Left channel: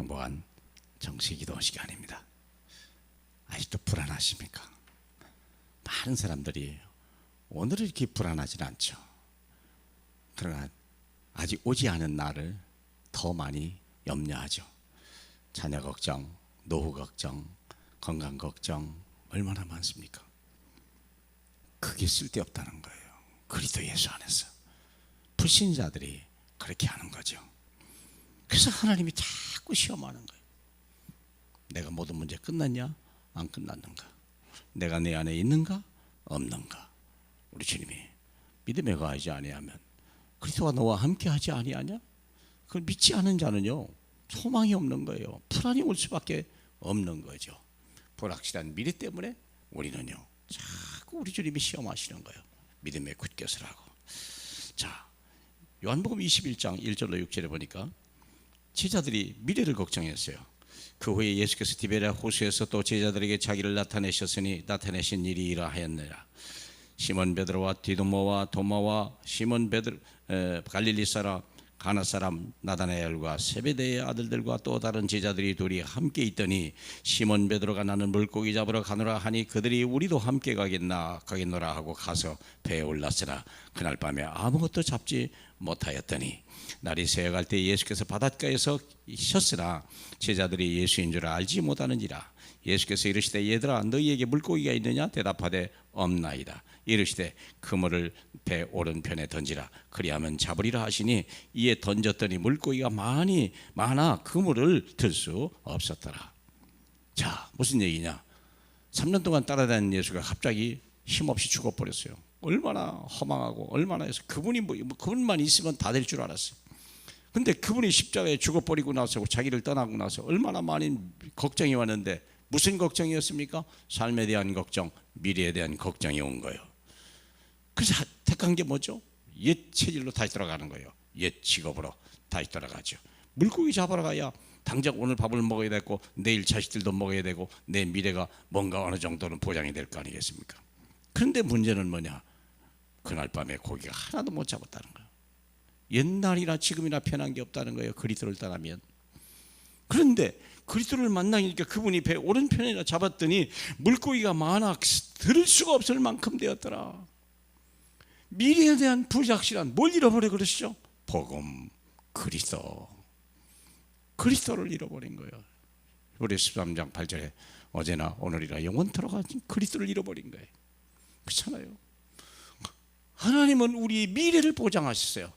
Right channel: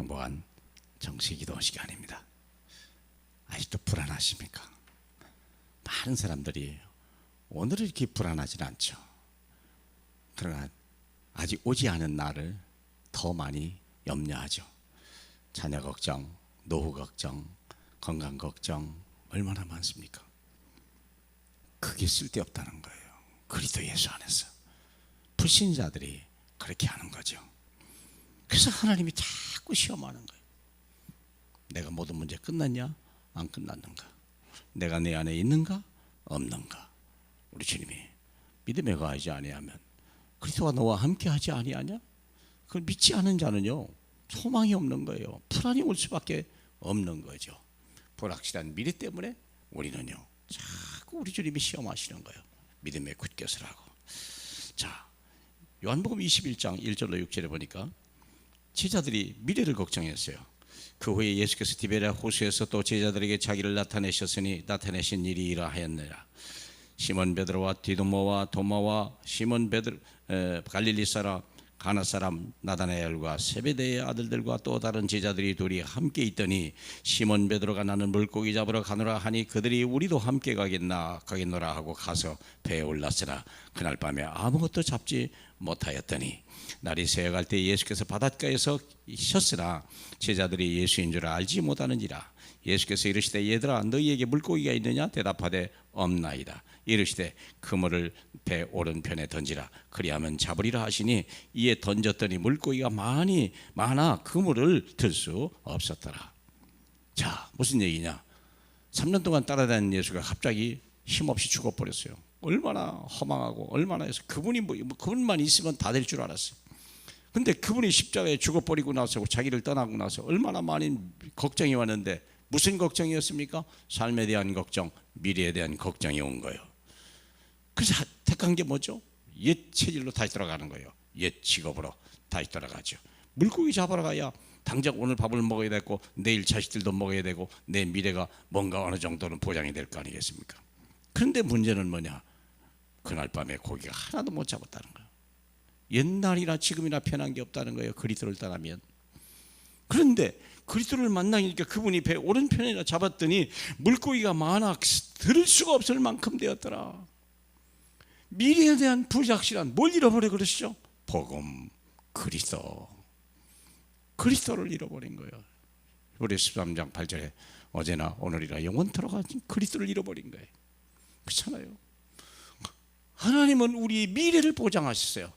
행복한 정시기도 시간입니다. 아직도 불안하십니까? 많은 사람들이 오늘은 이렇게 불안하지는 않죠. 그러나 아직 오지 않은 날을 더 많이 염려하죠. 자녀 걱정, 노후 걱정, 건강 걱정 얼마나 많습니까? 그게 쓸데없다는 거예요. 그리스도 예수 안에서 불신자들이 그렇게 하는 거죠. 그래서 하나님이 자꾸 시험하는 거예요. 내가 모든 문제 끝났냐? 안 끝났는가? 내가 내 안에 있는가? 없는가? 우리 주님이 믿음에 거하지 아니하면 그리스도가 너와 함께하지 아니하냐? 그걸 믿지 않은 자는요 소망이 없는 거예요. 불안이 올 수밖에 없는 거죠. 불확실한 미래 때문에 우리는요 자꾸 우리 주님이 시험하시는 거예요. 믿음에 굳게 서라고. 자, 요한복음 21장 1절로 6절에 보니까 제자들이 미래를 걱정했어요. 그 후에 예수께서 디베랴 호수에서 또 제자들에게 자기를 나타내셨으니 나타내신 일이 이러하였느라 시몬 베드로와 디도모와 도마와 시몬 베드로 갈릴리 사람 가나 사람 나다나엘과 세베대의 아들들과 또 다른 제자들이 둘이 함께 있더니 시몬 베드로가 나는 물고기 잡으러 가노라 하니 그들이 우리도 함께 가겠노라 하고 가서 배에 올랐으나 그날 밤에 아무것도 잡지 못하였더니 날이 새어갈 때 예수께서 바닷가에서 있었으나 제자들이 예수인 줄 알지 못하는지라. 예수께서 이르시되 얘들아 너희에게 물고기가 있느냐? 대답하되 없나이다. 이르시되 그물을 배 오른편에 던지라. 그리하면 잡으리라 하시니 이에 던졌더니 물고기가 많아 그물을 들 수 없었더라. 자, 무슨 얘기냐? 3년 동안 따라다니는 예수가 갑자기 힘없이 죽어버렸어요. 얼마나 허망하고 얼마나 해서 그분만 있으면 다 될 줄 알았어요. 근데 그분이 십자가에 죽어버리고 나서 자기를 떠나고 나서 얼마나 많은 걱정이 왔는데 무슨 걱정이었습니까? 삶에 대한 걱정, 미래에 대한 걱정이 온 거예요. 그래서 택한 게 뭐죠? 옛 체질로 다시 돌아가는 거예요. 옛 직업으로 다시 돌아가죠. 물고기 잡으러 가야 당장 오늘 밥을 먹어야 되고 내일 자식들도 먹어야 되고 내 미래가 뭔가 어느 정도는 보장이 될 거 아니겠습니까? 그런데 문제는 뭐냐? 그날 밤에 고기가 하나도 못 잡았다는 거예요. 옛날이나 지금이나 편한 게 없다는 거예요. 그리스도를 떠나면. 그런데 그리스도를 만나니까 그분이 배 오른편이나 잡았더니 물고기가 많아 들을 수가 없을 만큼 되었더라. 미래에 대한 불확실한 뭘 잃어버려 그러시죠? 복음, 그리스도를 잃어버린 거예요. 우리 13장 8절에 어제나 오늘이라 영원토록 하신 그리스도를 잃어버린 거예요. 그렇잖아요. 하나님은 우리 미래를 보장하셨어요.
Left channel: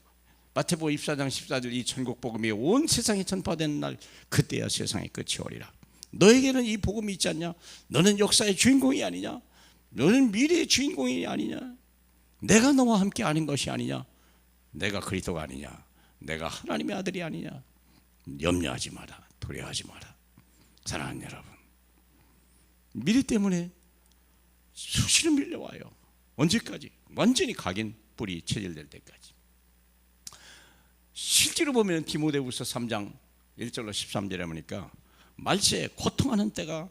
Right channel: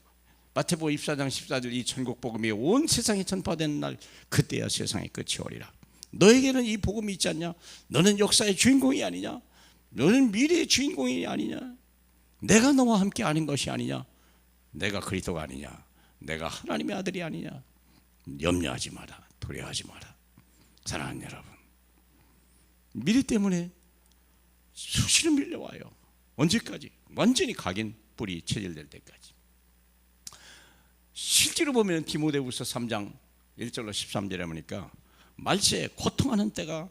마태복음 24장 14절 이 천국 복음이 온 세상에 전파되는 날 그때야 세상의 끝이 오리라. 너에게는 이 복음이 있지 않냐? 너는 역사의 주인공이 아니냐? 너는 미래의 주인공이 아니냐? 내가 너와 함께 아는 것이 아니냐? 내가 그리스도가 아니냐? 내가 하나님의 아들이 아니냐? 염려하지 마라. 두려워하지 마라. 사랑하는 여러분, 미래 때문에 수시로 밀려와요. 언제까지? 완전히 각인 뿌리 체질될 때까지. 실제로 보면 디모데후서 3장 1절로 13절에 보니까 말세에 고통하는 때가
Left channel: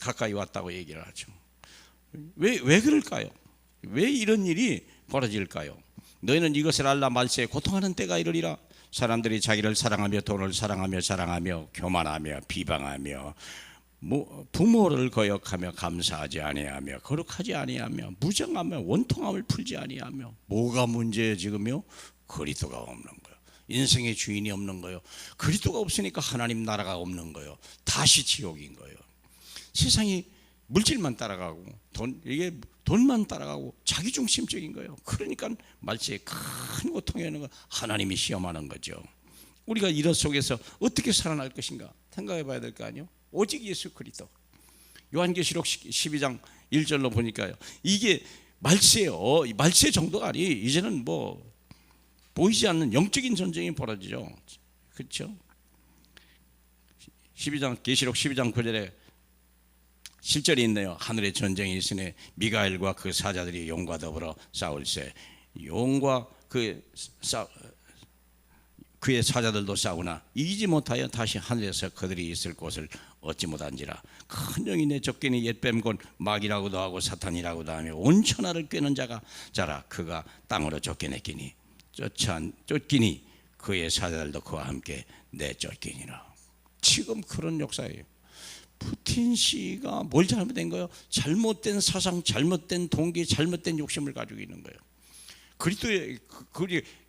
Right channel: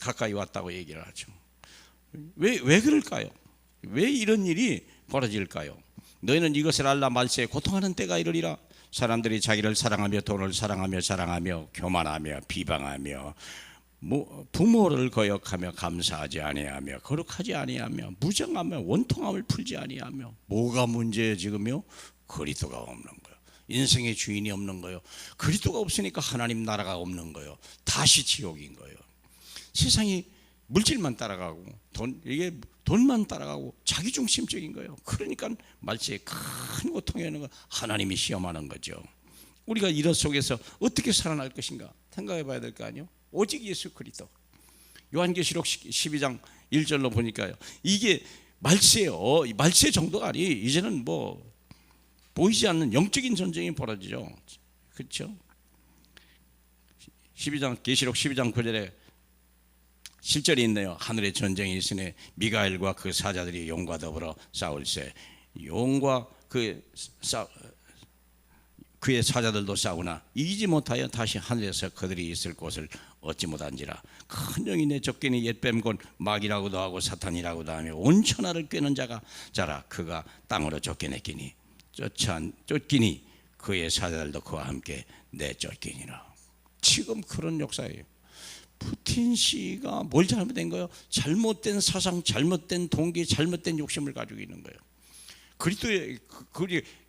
가까이 왔다고 얘기를 하죠. 왜 그럴까요? 왜 이런 일이 벌어질까요? 너희는 이것을 알라. 말세에 고통하는 때가 이르리라. 사람들이 자기를 사랑하며 돈을 사랑하며 교만하며 비방하며 부모를 거역하며 감사하지 아니하며 거룩하지 아니하며 무정하며 원통함을 풀지 아니하며. 뭐가 문제예요 지금요? 그리스도가 없는 거예요. 인생의 주인이 없는 거예요. 그리스도가 없으니까 하나님 나라가 없는 거예요. 다시 지옥인 거예요. 세상이 물질만 따라가고 돈만 따라가고 자기중심적인 거예요. 그러니까 말세에 큰 고통이 오는 거 하나님이 시험하는 거죠. 우리가 이런 속에서 어떻게 살아날 것인가 생각해 봐야 될 거 아니에요. 오직 예수 그리스도. 요한계시록 12장 1절로 보니까요, 이게 말세요. 말세 정도가 아니, 이제는 보이지 않는 영적인 전쟁이 벌어지죠. 그렇죠? 계시록 12장 9절에 실절이 있네요. 하늘에 전쟁이 있으니 미가엘과 그 사자들이 용과 더불어 싸울세. 용과 그의 사자들도 싸우나 이기지 못하여 다시 하늘에서 그들이 있을 곳을 얻지 못한지라. 큰 영이 내쫓기니 옛뱀 곧 마귀라고도 하고 사탄이라고도 하며 온 천하를 꿰는 자라. 그가 땅으로, 쫓기니 그의 사자들도 그와 함께 내쫓기니라. 지금 그런 역사예요. 푸틴 씨가 뭘 잘못된 거예요? 잘못된 사상, 잘못된 동기, 잘못된 욕심을 가지고 있는 거예요. 그리스도의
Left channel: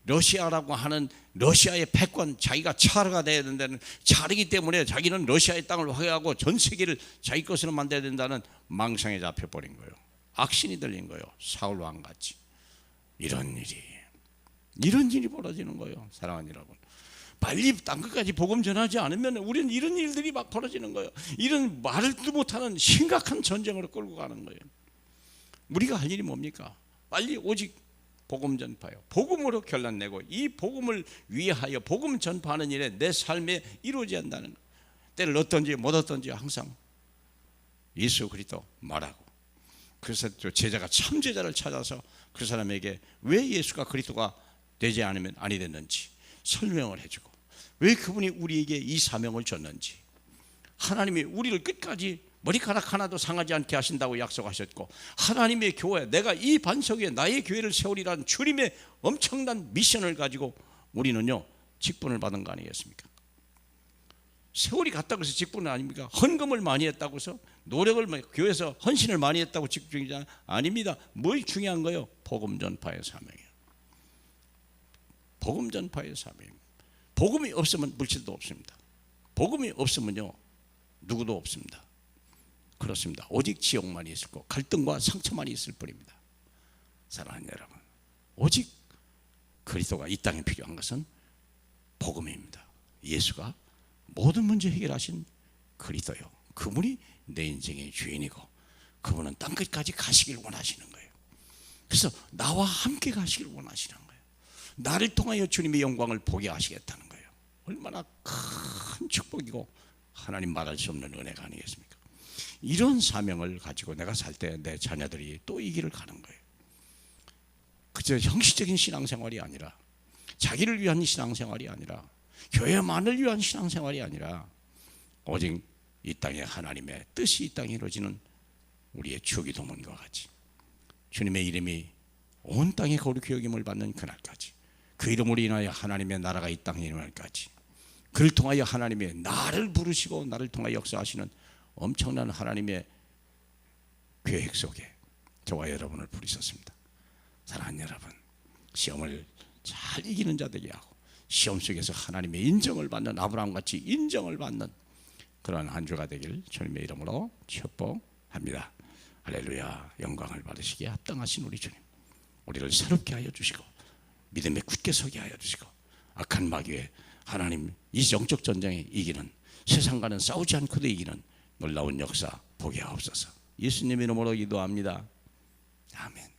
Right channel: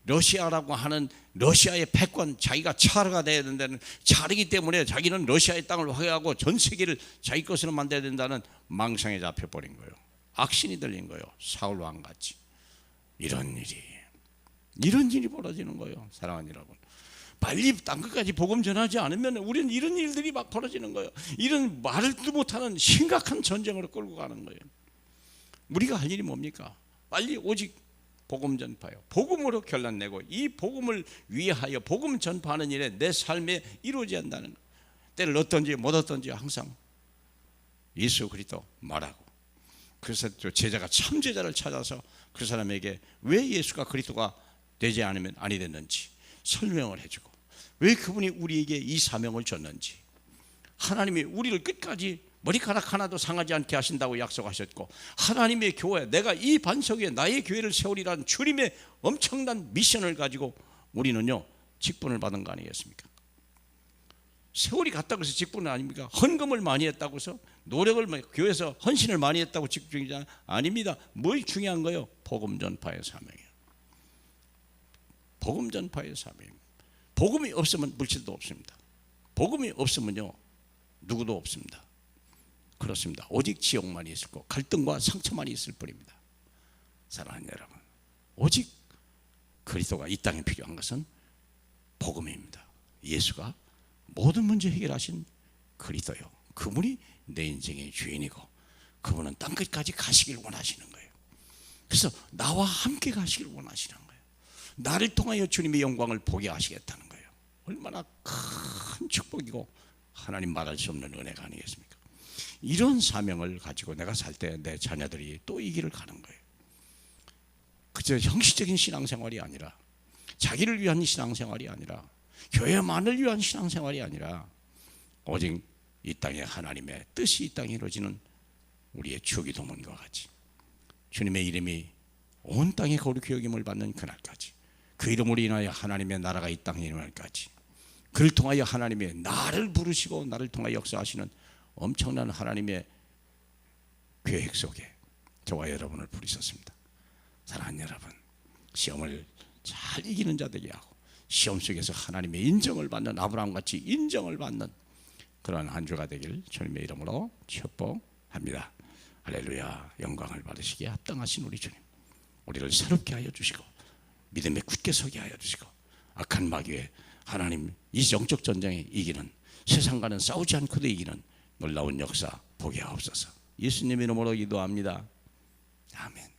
러시아라고 하는 러시아의 패권, 자기가 차르가 돼야 된다는, 차르기 때문에 자기는 러시아의 땅을 화해하고 전 세계를 자기 것으로 만들어야 된다는 망상에 잡혀버린 거예요. 악신이 들린 거예요. 사울 왕같이. 이런 일이 벌어지는 거예요. 사랑하는 여러분, 빨리 땅 끝까지 복음 전하지 않으면 우리는 이런 일들이 막 벌어지는 거예요. 이런 말도 못하는 심각한 전쟁으로 끌고 가는 거예요. 우리가 할 일이 뭡니까? 빨리 오직 복음 전파요. 복음으로 결론내고 이 복음을 위하여 복음 전파하는 일에 내 삶에 이루어져야 한다는, 때를 얻든지 못 얻든지 항상 예수 그리스도 말하고, 그래서 제자가 참 제자를 찾아서 그 사람에게 왜 예수가 그리스도가 되지 않으면 아니 됐는지 설명을 해주고, 왜 그분이 우리에게 이 사명을 줬는지, 하나님이 우리를 끝까지 머리카락 하나도 상하지 않게 하신다고 약속하셨고, 하나님의 교회, 내가 이 반석 위에 나의 교회를 세우리라는 주님의 엄청난 미션을 가지고 우리는요 직분을 받은 거 아니겠습니까? 세월이 갔다고 해서 직분은 아닙니까? 헌금을 많이 했다고 해서, 노력을 교회에서 헌신을 많이 했다고 직분이지 아닙니다. 뭘 중요한 거예요? 복음 전파의 사명이에요. 복음 전파의 사명입니다. 복음이 없으면 물질도 없습니다. 복음이 없으면요 누구도 없습니다. 그렇습니다. 오직 지옥만 있을 거, 갈등과 상처만 있을 뿐입니다. 사랑하는 여러분, 오직 그리스도가 이 땅에 필요한 것은 복음입니다. 예수가 모든 문제 해결하신 그리스도요, 그분이 내 인생의 주인이고 그분은 땅끝까지 가시길 원하시는 거예요. 그래서 나와 함께 가시길 원하시는 거예요. 나를 통하여 주님의 영광을 보게 하시겠다는 거예요. 얼마나 큰 축복이고 하나님 말할 수 없는 은혜가 아니겠습니까? 이런 사명을 가지고 내가 살 때 내 자녀들이 또 이 길을 가는 거예요. 그저 형식적인 신앙생활이 아니라, 자기를 위한 신앙생활이 아니라, 교회만을 위한 신앙생활이 아니라, 오직 이 땅에 하나님의 뜻이 이 땅에 이루어지는 우리의 주기도문과 같이 주님의 이름이 온 땅에 거룩히 여김을 받는 그날까지, 그 이름으로 인하여 하나님의 나라가 이 땅에 일어날까지, 그를 통하여 하나님의 나를 부르시고 나를 통하여 역사하시는 엄청난 하나님의 계획 속에 저와 여러분을 부르셨습니다. 사랑하는 여러분, 시험을 잘 이기는 자들이 하고 시험 속에서 하나님의 인정을 받는, 아브라함같이 인정을 받는 그러한 한 주가 되길 주님의 이름으로 축복합니다. 할렐루야. 영광을 받으시기에 합당하신 우리 주님, 우리를 새롭게 하여 주시고 믿음에 굳게 서게 하여 주시고, 악한 마귀에 하나님 이 영적 전쟁에 이기는, 세상과는 싸우지 않고도 이기는 놀라운 역사 보게 하옵소서. 예수님 이름으로 기도합니다. 아멘.